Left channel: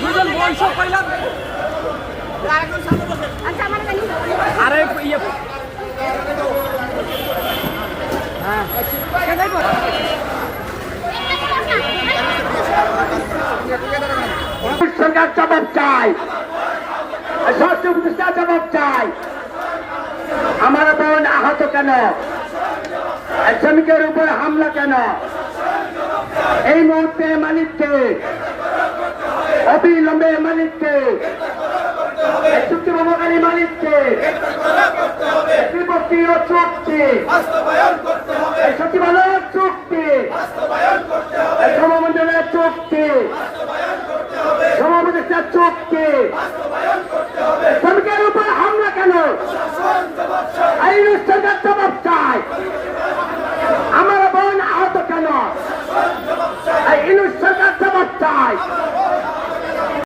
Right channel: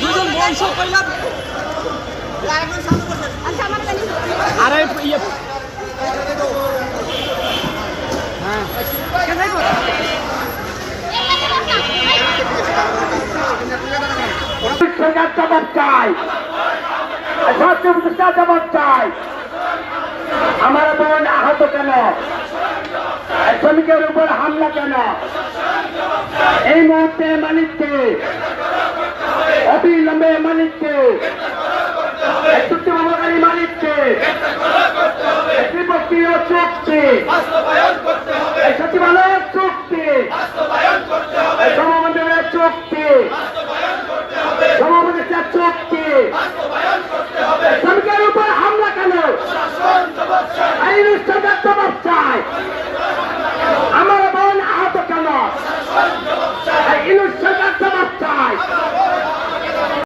দুজন বংশ কইলাম আরে ইয়ে জবাব চাই, জবাব চাই। আমার বোন আহত কেন? শ্রমিকের উপর হামলা কেন? এই মুহূর্তে মালিককে, অবিলম্বে মালিককে, চুক্তিভঙ্গকারী মালিককে, বিপত্তি ও চুক্তি সত্যি ভালো